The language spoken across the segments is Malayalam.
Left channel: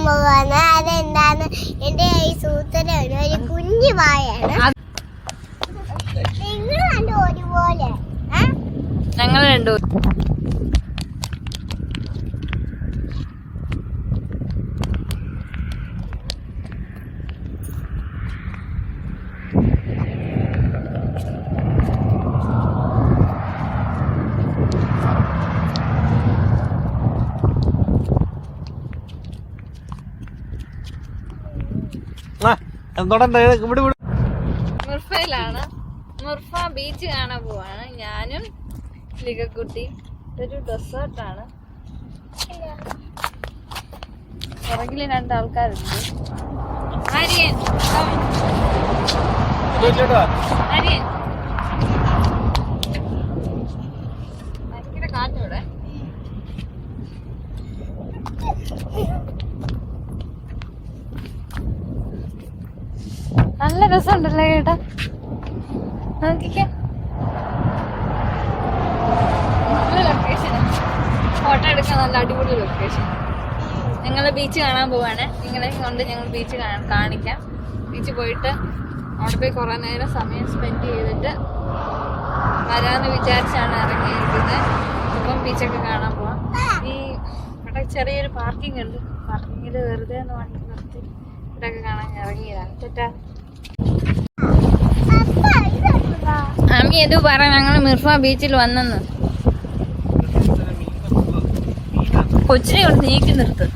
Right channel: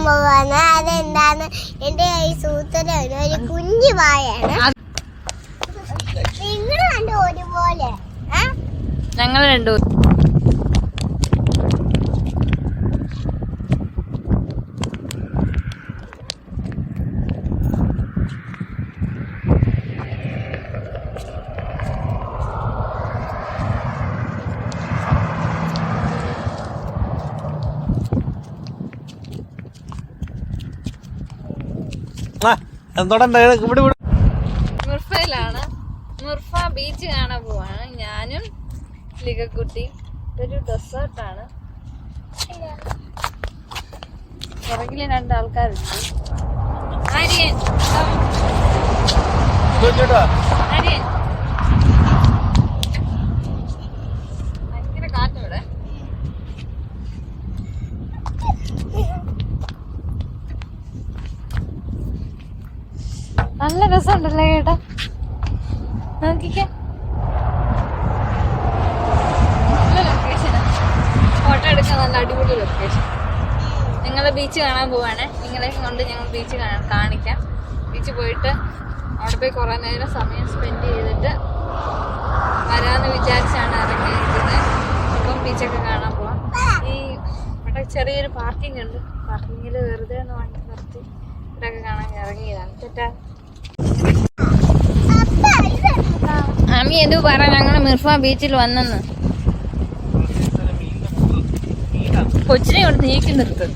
കാണാൻ പോവാണ്. അതെന്താന്ന് എന്റെ ഈ സൂത്രന് ഒരു കുഞ്ഞു വായാണ്. നിങ്ങൾ രണ്ടും ഒരുപോലെ. ഞങ്ങൾ രണ്ടും മുർഫയിലാണ്. മുർഫ ബീച്ച് കാണാൻ പോവാണ്. ഞാനും ലിഗക്കുട്ടി. ഇതൊരു ഡെസേർട്ടാണ്. പുറകില് രണ്ടാൾക്കാരുണ്ട്. ആര്യൻ ആര്യൻ ഭയങ്കര കാറ്റോടെ. നല്ല രസമുണ്ടല്ലേ ചേട്ടാ, നോക്കിക്കേ. നല്ല ലൊക്കേഷനാണ്, ഫോട്ടോ എടുക്കാൻ നല്ല അടിപൊളി ലൊക്കേഷൻ. ഞങ്ങൾ ബീച്ച് കാണാൻ പോവാണ്. നിങ്ങളെ കൊണ്ട് ഞങ്ങൾ ബീച്ച് കാണിക്കാം. ബീച്ച് പോയിട്ട് അവിടെ പോയി കുറേ നേരം സമയം സ്പെൻഡ് ചെയ്തിട്ട് വരാമെന്ന് വിചാരിച്ചാണ് ഇറങ്ങിയിരിക്കുന്നത്. അപ്പം ബീച്ചൊക്കെ കാണാൻ പോവാം. ഈ ഇവിടെ ചെറിയൊരു പാർക്കിംഗ് ഉണ്ട്. പാർക്കിങ്ങിൽ വെറുതെ ഒന്ന് വണ്ടി നിർത്തി ഇവിടെയൊക്കെ കാണാൻ ഇറങ്ങിയതാണ്. തെറ്റാ അമ്മി എന്തു പറ? ഞങ്ങൾ മിർഫ ബീച്ചിൽ വന്നെന്ന്. കൊച്ചിനെ കൊണ്ട് നീക്കി നിർത്ത്.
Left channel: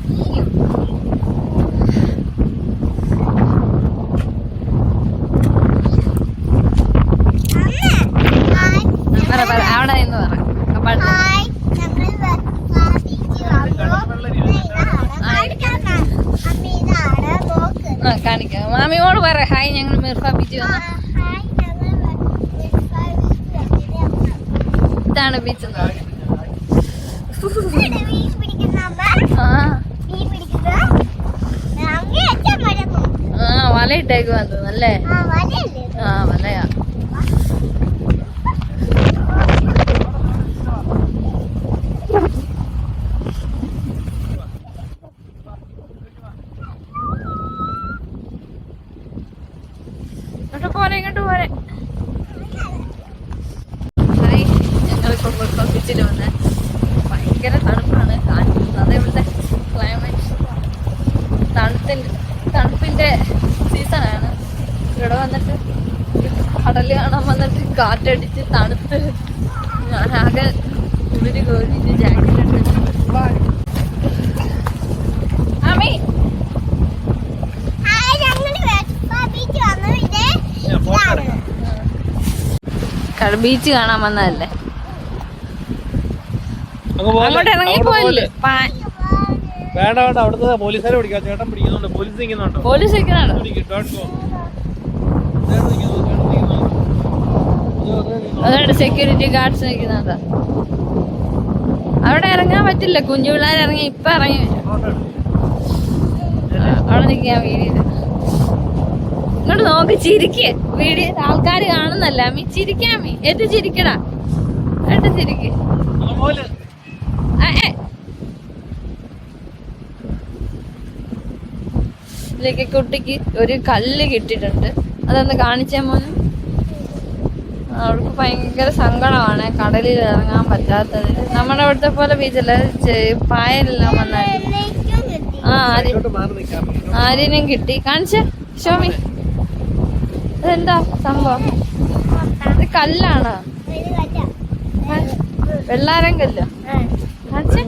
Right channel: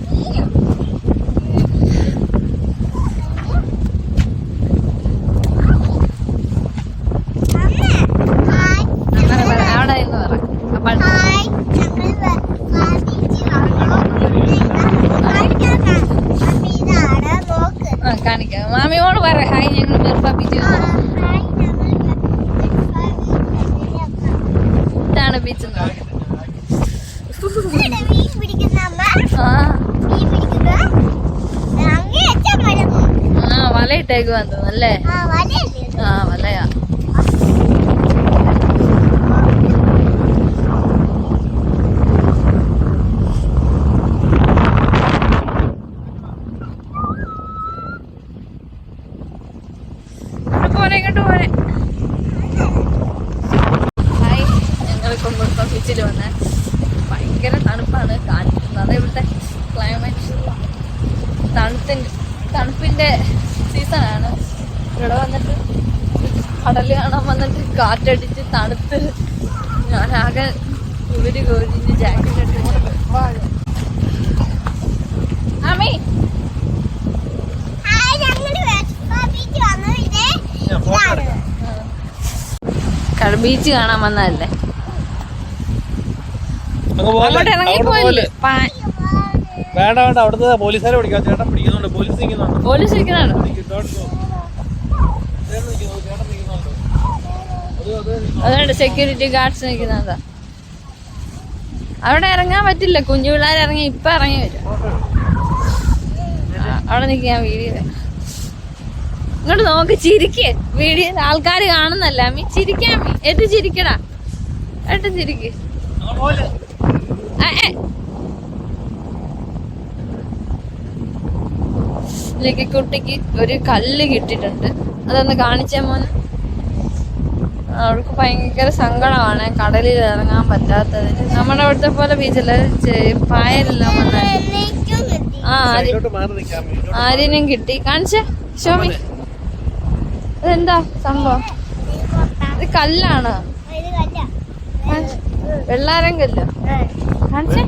അവിടെ എന്ന് പറ. കാണിക്കാം. മാമിയോട് പറ ഹായ്, ഞങ്ങൾ മിർഫ ബീച്ചിൽ വന്നു. ഇതാണ് ബീച്ച് എന്ന് പറയുന്നത്. വലയിട്ടേക്ക് വന്നു അല്ലേ? വലയാ. ഇങ്ങോട്ട് പോരെ. ഹായ്, ഞങ്ങളിപ്പോ മുർഫ ബീച്ചിൽ വന്നേ. ഭയങ്കര തണുപ്പാണ്. കാണിക്കുന്നത് അത് ഇവിടുത്തെ ക്ലൈമറ്റ് തണുപ്പിന്റെ സീസണാണ്. ഇവിടെ വന്നിട്ട് കടല് കാണാൻ വന്നിട്ട് കാറ്റടിച്ച് തണുത്ത് ഞാനാകെ കുളിര് കോരിഞ്ഞ് ജാക്കറ്റ് ഇട്ട്. ആമി ബീച്ച് കാണാൻ വന്നതല്ലേ? അങ്ങോട്ട് ഇറങ്ങിപ്പോയില്ലേ? വേണ്ട വേണ്ട, അവിടുത്തെ പോലീസുകാരെ വിളിക്കാം. ചേട്ടൻ പിടിക്കുന്നുണ്ട്, പോലീസ് നിൽക്കുന്നുണ്ട്. പോലീസ് നിൽക്കുന്നുണ്ടോ? അതുകൊണ്ട് സെക്യൂരിറ്റി ഗാർഡ്സ് നിൽക്കുന്നുണ്ടോ? അവിടെ ഇറങ്ങാൻ പറ്റില്ല. കുഞ്ഞു പിള്ളേർ ഇറങ്ങി ഇപ്പൊ ഇറങ്ങി വരും. അവിടെ നിൽക്കാൻ വീഡിയോ. ഇങ്ങോട്ട് നോക്ക്, ചിരിക്ക്. വീഡിയോ ആൾക്കാർ കാണുന്നല്ല. അമ്മി ചിരിക്കാമ്മി. ഏറ്റവും ചിരിക്കടാ, ഏറ്റവും ചിരിക്ക്. ഇതിലേക്ക് കുട്ടിക്ക് ഒരു കല്ല് കിട്ടിയിട്ടുണ്ട്. അതൊന്ന് കാണിച്ചാ മോന്. അവൾക്ക് ഭയങ്കര സങ്കടമാണ് കടലിൽ ഇറങ്ങാൻ പറ്റാത്തതിൽ. നമ്മുടെ ഇവിടുത്തെ പോലെ ബീച്ചല്ല, പായലെല്ലാം വന്നാൽ. ആര്യനും കിട്ടി. കാണിച്ചേ ഷോമി. ഇതെന്താ സംഭവം? ഇത് കല്ലാണ്. വെള്ളാരം കല്ലോ. കാണിച്ചേ.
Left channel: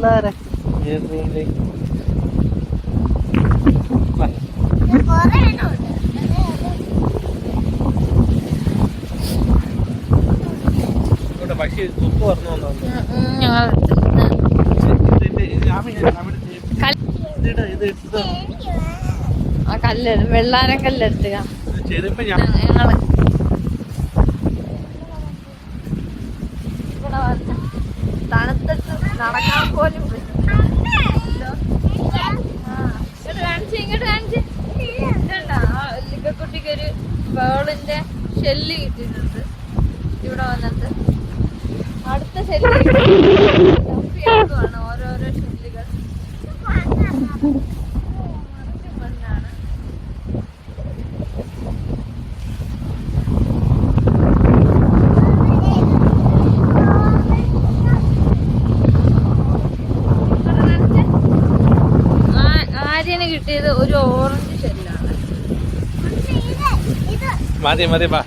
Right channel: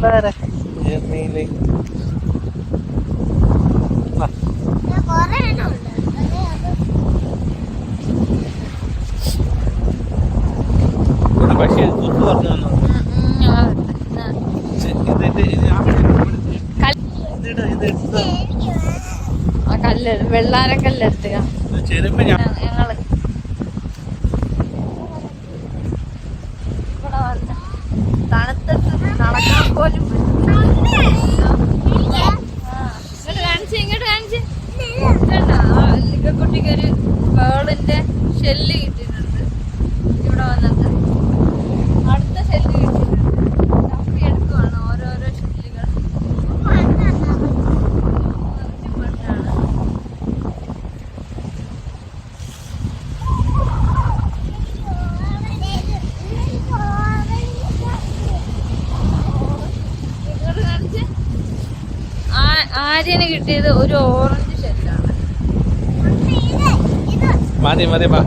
ആ കല്ല്, വെള്ളാരം കല്ലെടുത്തുക. തണുത്തിട്ട് നടക്കാൻ പോലും കുട്ടിക്കൊരു പേളിന്റെ ഷെല്ല് കിട്ടിയിട്ടുണ്ട്. ഇവിടെ വന്നിട്ട് അടുത്ത ഷെല്ല് ഓരോരോ ഷെല്ലുകൾ. കിട്ടിയത് ഒരു ഓറഞ്ച് ഷെല്ലാണ്. മതി മതി പാ.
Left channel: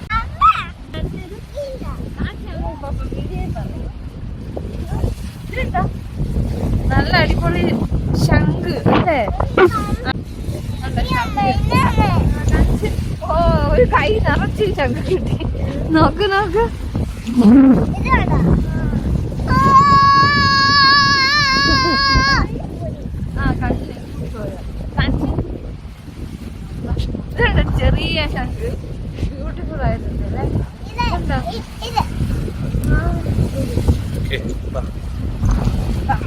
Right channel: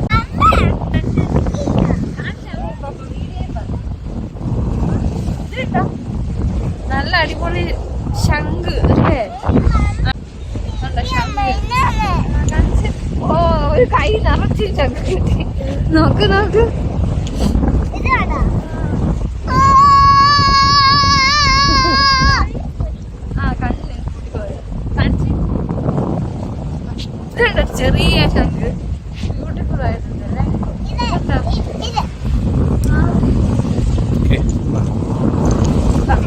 നല്ല അടിപൊളി ശംഖ് അല്ലേ? ഓ ഒരു കൈ നിറച്ച് ശംഖ് കിട്ടി. നോക്ക് നോക്ക്. ചെറിയ ശംഖ് ബ്യൂട്ടിഫുൾ ആയിട്ടുണ്ട് അല്ലേ?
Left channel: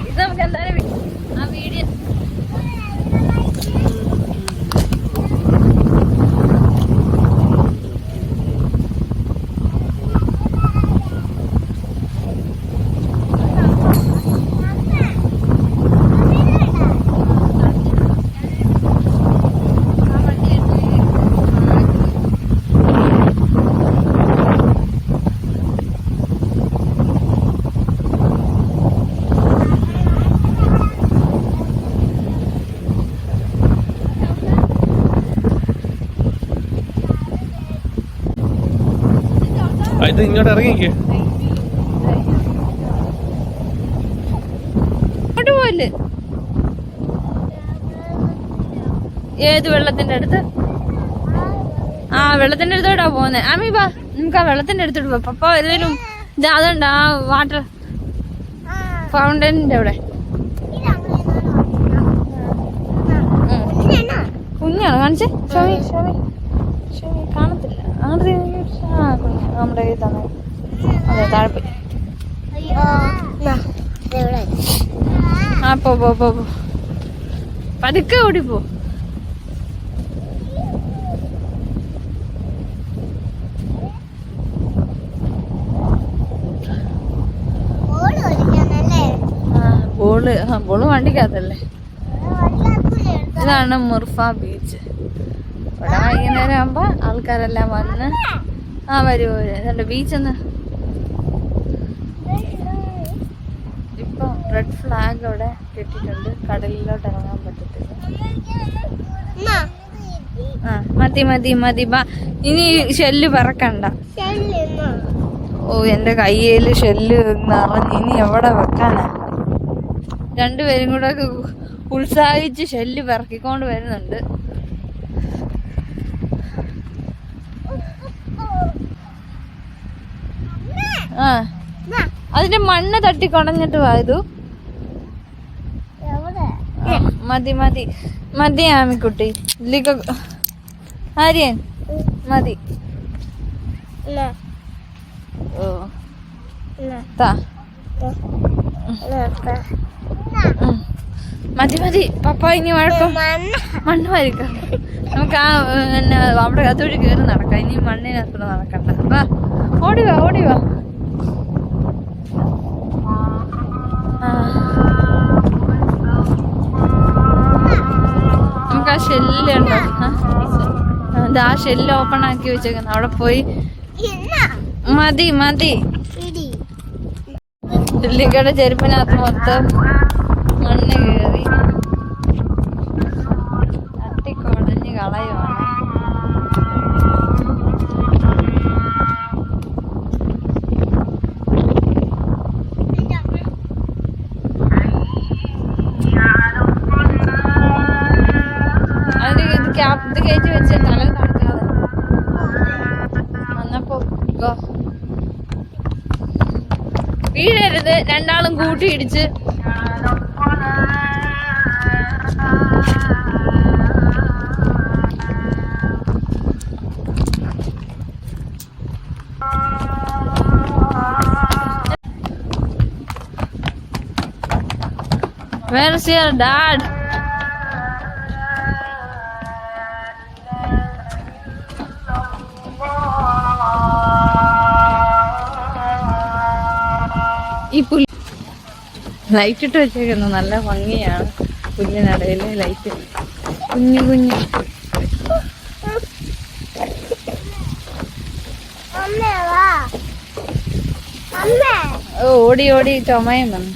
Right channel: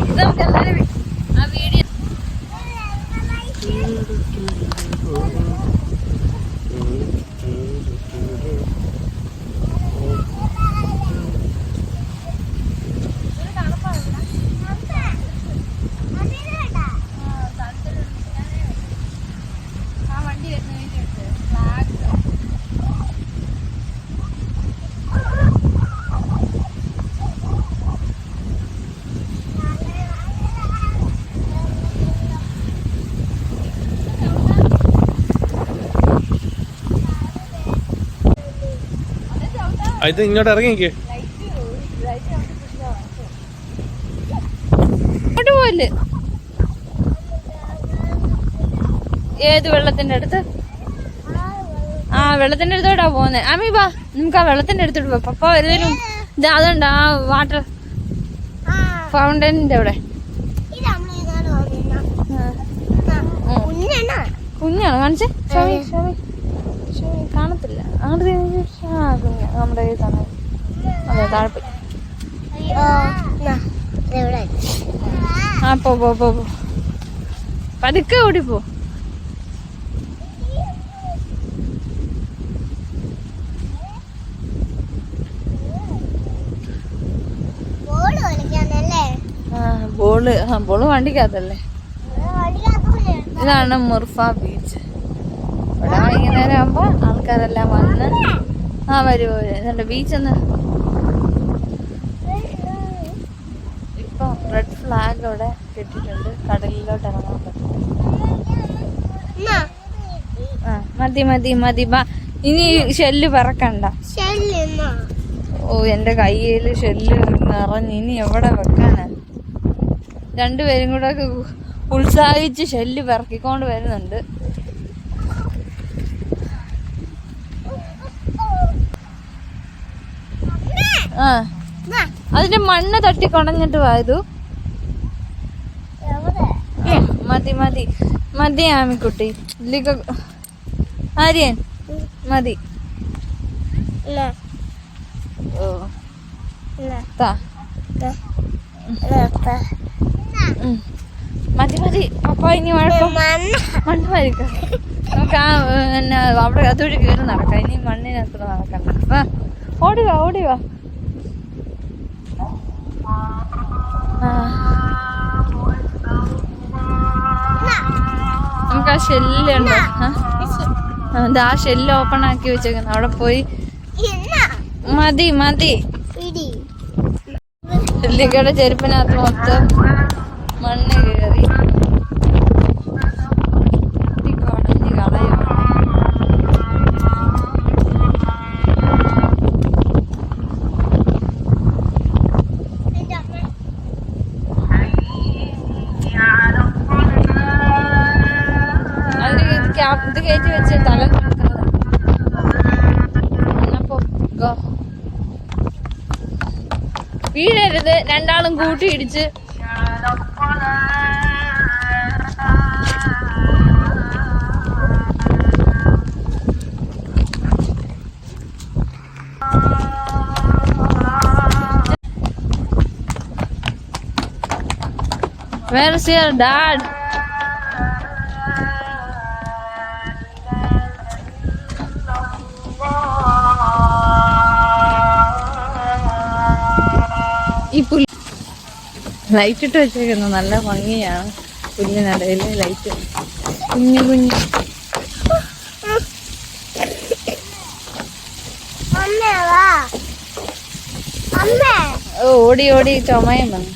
ഇത് നമുക്ക് എല്ലാവരും ആ വീഡിയോ ഇത് ഇങ്ങോട്ട് ഇറങ്ങിക്കേ. അങ്ങോട്ട് പോയില്ലേ? ഏത് വെള്ളത്തിന്റെ അടുത്ത്? ആ വെള്ളത്തിന്റെ അടുത്തോട്ടാ പോന്നെ. അമ്മി വാ, നമുക്ക് ആ വെള്ളത്തിന്റെ അടുത്തോട്ട് പോ. പപ്പ ഏതെങ്കിലും ഇത് അതുണ്ട് ആ വാട്ടർ ഫൗണ്ടനിന്റെ അവിടെ. കുഞ്ഞാണ് കാണിച്ചേ. ഷമി ഷമി ഷമി കാണത്തില്ല. അങ്ങോട്ട് ആ കുഞ്ഞ നമ്മുടെ കയ്യിൽ തന്നെ. അതെ താഴെ. ആ പോ പോ പോ പോ, പതുക്കെ ഓടിപ്പോ. ബോള് വണ്ടിക്കകത്തല്ലേ. ഇതാണ് മുർഫ ബീച്ച്. ഇവിടെ വൈകുന്നേരം ആകുമ്പോ ആൾക്കാരെല്ലാം വന്ന് വരുമോ ഇതെന്റെ ബീച്ചെന്ന്. ഇപ്പൊ റെഡ് ഫ്ലാഗ് അവിടെ കെട്ടിട്ടുണ്ട്. കടലിലോട്ട് ഇറങ്ങാൻ പറ്റത്തില്ല. മതി മതി മതി ബാ. ഇനി ഷെല്ല് പറക്കണ്ട. ഓ എന്റെ കയ്യില് ഷെല്ല് നിറഞ്ഞ് ഇനി എവിടെ വെക്കാനാ? രണ്ടുപേരും കൂടെ ഉത്സാഹിച്ച് ഷെല്ല് പിറക്കിക്കൊണ്ട് വരുന്നുണ്ട്. ആ അതിന്റെ മണ്ണ് തട്ടി കൊടഞ്ഞിട്ട് പോയതു. മതി മതി മതി ആമിക്കുട്ടി. ആര്യൻ മതി. ഓ മതി മതി പപ്പ. ഇനി മണ്ണ് വരിക. നമുക്ക് ആ പിന്നെ അവിടെ അതുവഴി കയറി നടക്കാം. ഇനി മണ്ണിനത്ര നടക്കണ്ട. ഓടിവാ ഓടിവാ. നമുക്ക് ആ ഷെല്ലുണ്ടോ? ആ ഷെല്ല് ഓപ്പൺ ആക്കി വെച്ചേക്കുന്നു. അവിടെ പോയി മതി മതി. ലിക്കയുടെ ചെരുപ്പിനകത്ത് മൊത്തം മണ്ണ് കയറി തട്ടിക്കൊടഞ്ഞ് കളയുവാണ്. അതിന് ഇത് കയറ്റി വെച്ച് തല നടക്കുന്നത്. എന്നപ്പോ വീഴരുത്. രണ്ടാളും കൂട്ടിയിടിച്ച് Where's your dad? ഈ പുല്ല് ലൈറ്റ് ഇട്ട് വെച്ചേക്കുന്നു. നല്ല ഭംഗിയാണ് പുല്ലിനിടയില് ലൈറ്റ്. കുഞ്ഞു കുഞ്ഞു ഓടി ഓടി ചുമയും വന്നു.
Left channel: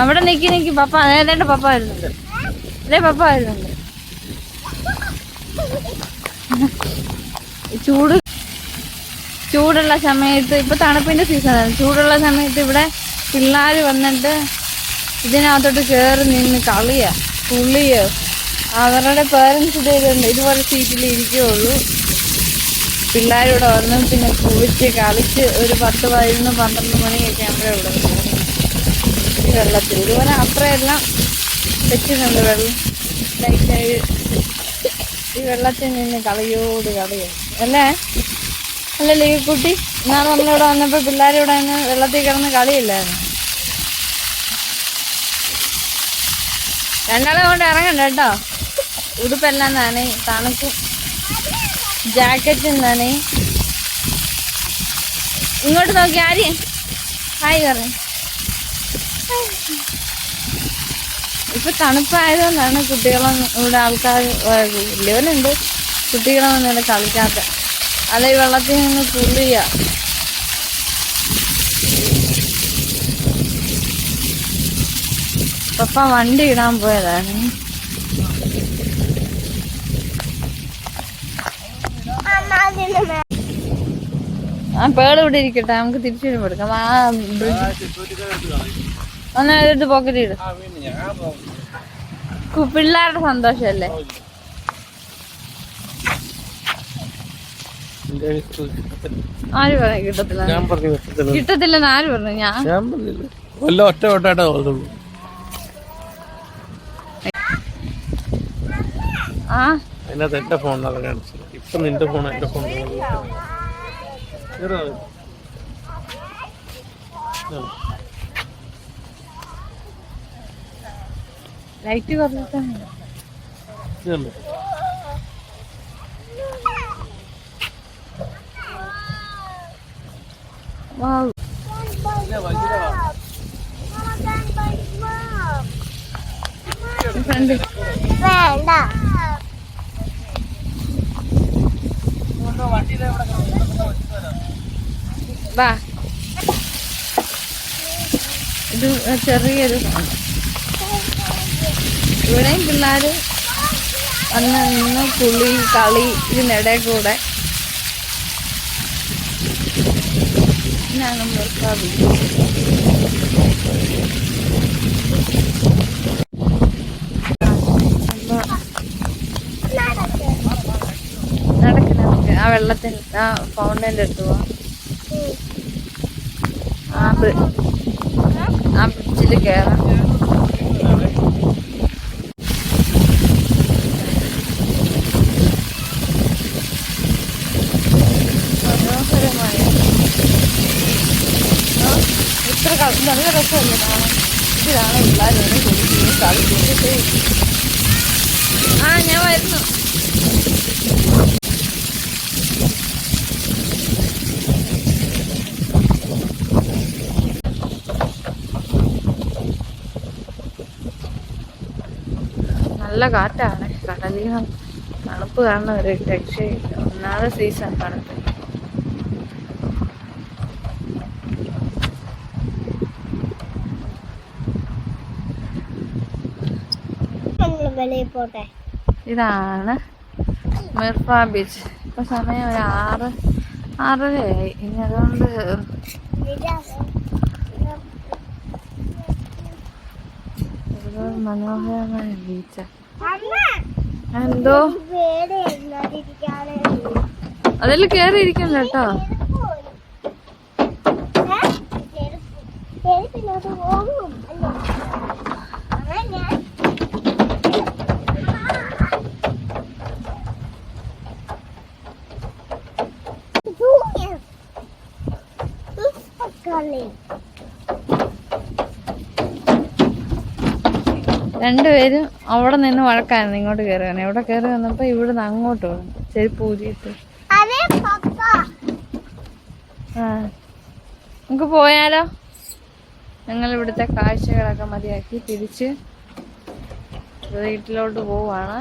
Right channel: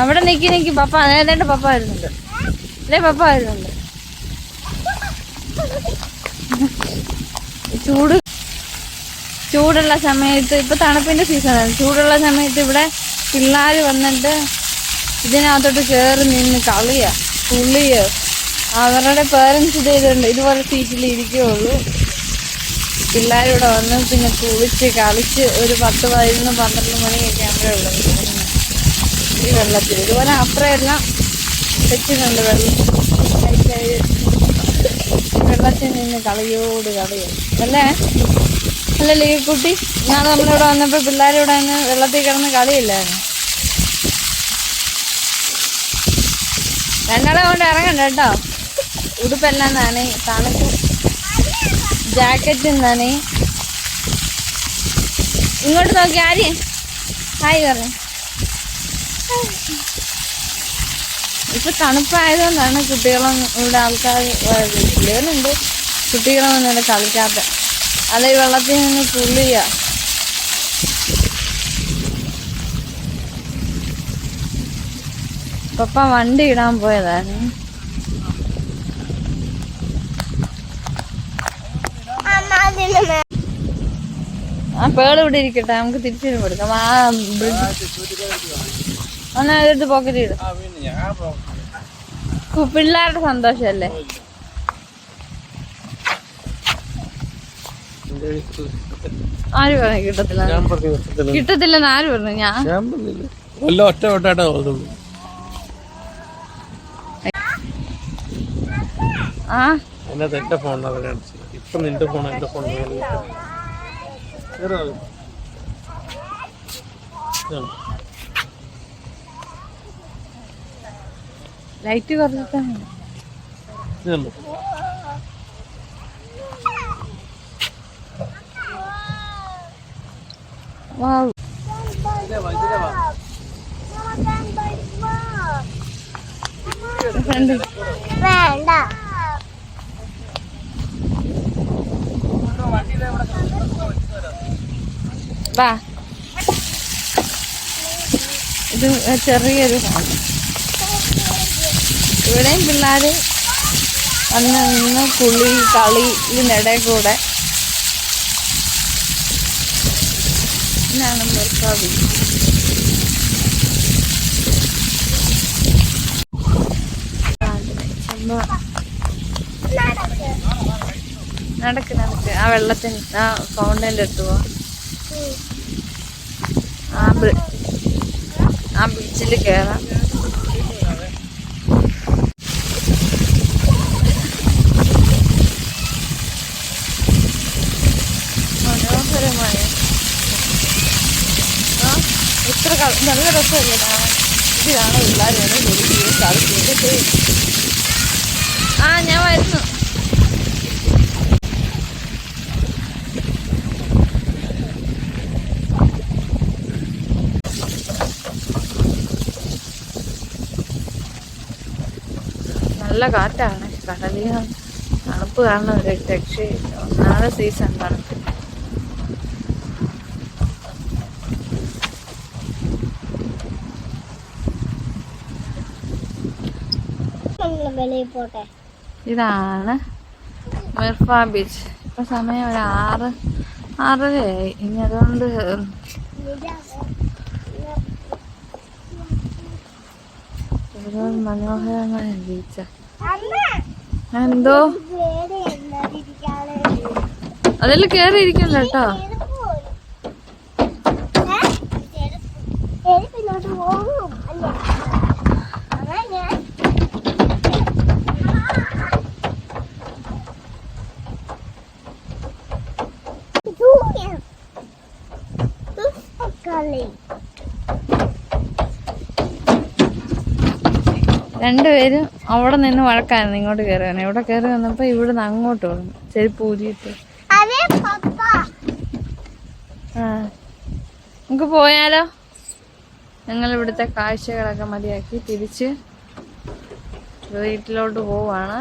അവിടെ നിക്കി പപ്പ ഏതാണ്ട് പപ്പ വരുന്നുണ്ട്. അല്ലേ പപ്പ വരുന്നുണ്ട്. ചൂടുള്ള സമയത്ത് ഇപ്പൊ തണുപ്പിന്റെ സീസണാണ്. ചൂടുള്ള സമയത്ത് ഇവിടെ പിള്ളേര് വന്നിട്ട് ഇതിനകത്തോട്ട് കയറി നിന്ന് കളിയാ പുള്ളിയോ. അവരുടെ പേരൻസ് ഇതുണ്ട്, ഇതുപോലെ സീറ്റിൽ ഇരിക്കുകയുള്ളൂ. പിള്ളേരിവിടെ വന്ന് പിന്നെ കുളിച്ച് കളിച്ച് ഒരു 10, 11, 12 മണിയൊക്കെ ആകുമ്പോഴേ ഇവിടെ പോകുന്നത് ഈ വെള്ളത്തിൽ. ഇതുപോലെ അത്രയെല്ലാം വെച്ചിട്ടുണ്ട് വെള്ളം ലൈറ്റായി. ഈ വെള്ളത്തിൽ നിന്ന് കളിയോട് കളിയാണ് അല്ലേ? അല്ലല്ലേ ഈ കുട്ടി? ഇന്നാണ് നമ്മളിവിടെ വന്നപ്പോൾ പിള്ളേരിവിടെ നിന്ന് വെള്ളത്തിൽ കിടന്ന് കളിയില്ലായിരുന്നു. രണ്ടാളെ കൊണ്ട് ഇറങ്ങണ്ട കേട്ടോ. ഉടുപ്പെല്ലാം നനയും, തണുക്കും, ജാക്കറ്റും നനയും. ഇങ്ങോട്ട് നോക്കി ആര് ഹായ് പറഞ്ഞു. ഇപ്പൊ തണുപ്പായതുകൊണ്ടാണ് കുട്ടികളൊന്നും ഇവിടെ ആൾക്കാർ ഇല്ലേലുണ്ട്. കുട്ടികളൊന്നും ഇവിടെ കളിക്കാത്ത. അല്ല ഈ വെള്ളത്തിൽ നിന്ന് പുള്ളിയ. പപ്പ വണ്ടി ഇടാൻ പോയതാണ്. ആ പേട് ഇവിടെ ഇരിക്കട്ടെ, നമുക്ക് തിരിച്ചു വരുമ്പോ എടുക്കാം. ആ ബ്രിഡ്ജ് ഒന്ന് എടുത്ത് പോക്കറ്റ് ഇടും. പിള്ളേരുടെ സന്തോഷല്ലേ. ആര് പറഞ്ഞു കിട്ടത്തില്ല? കിട്ടത്തില്ലെന്ന് ആര് പറഞ്ഞു? ഞാൻ ഒറ്റ വട്ടായിട്ടാ ഓടുള്ളൂ. ആ അതിനകത്ത് എന്റെ ഫോണിനാണ് കാണിച്ചത്. ഇപ്പൊ നിന്റെ ഫോൺ എന്റെ ഫോൺ ലൈറ്റ് കുറച്ചിട്ടാണ്. ഫ്രണ്ട് വേണ്ട. വാ. ഇത് ചെറിയൊരു ഫോൺ. ഇവിടെയും പിള്ളേര് വന്ന് നിന്ന് കുളി കളി ഇതിനിടയിൽ കൂടെ. ഇതാണ് മിർഫാ ബീച്ച്. നടക്ക് നടക്ക്. ആ വെള്ളത്തിന് ആ ഫൗണ്ടൈൻ്റെ അടുത്ത് പോവാം. ആ ബ്രിഡ്ജിൽ കയറാം. മനോഹരമായ ഇത്ര നല്ല രസമല്ലേ കാണാൻ. ഇതിലാണ് പിള്ളേരാണ് കുടിക്കുകയും കളിക്കുകയും. ആ ഞാൻ വരുന്നു. നല്ല കാറ്റാണ്. കടലിൽ തണുപ്പ് കാണുന്ന ഒരു രക്ഷയില്ല. ഒന്നാമത്തെ സീസൺ തണുപ്പ്. ഇതാണ് മിർഫാ ബീച്ച്. ഇപ്പൊ സമയം ഒരു 6:30 ഇനി അതുകൊണ്ട് മനോഹരമായ ബീച്ച. എന്തോ അതിൽ കേറിയിരിക്കണ്ട കേട്ടോ. രണ്ടുപേരും അവിടെ നിന്ന് വഴക്കായിരുന്നു ഇങ്ങോട്ട് കയറുകയാണ്. ഇവിടെ കയറി വന്നപ്പോ ഇവിടുന്ന് അങ്ങോട്ട് വന്നു ചെരുപ്പ് ഊരിയിട്ട്. ആ നമുക്ക് പോയാലോ? ഞങ്ങൾ ഇവിടുത്തെ കാഴ്ചകളൊക്കെ മതിയാക്കി തിരിച്ച് വീട്ടിലോട്ട് പോവാണ്.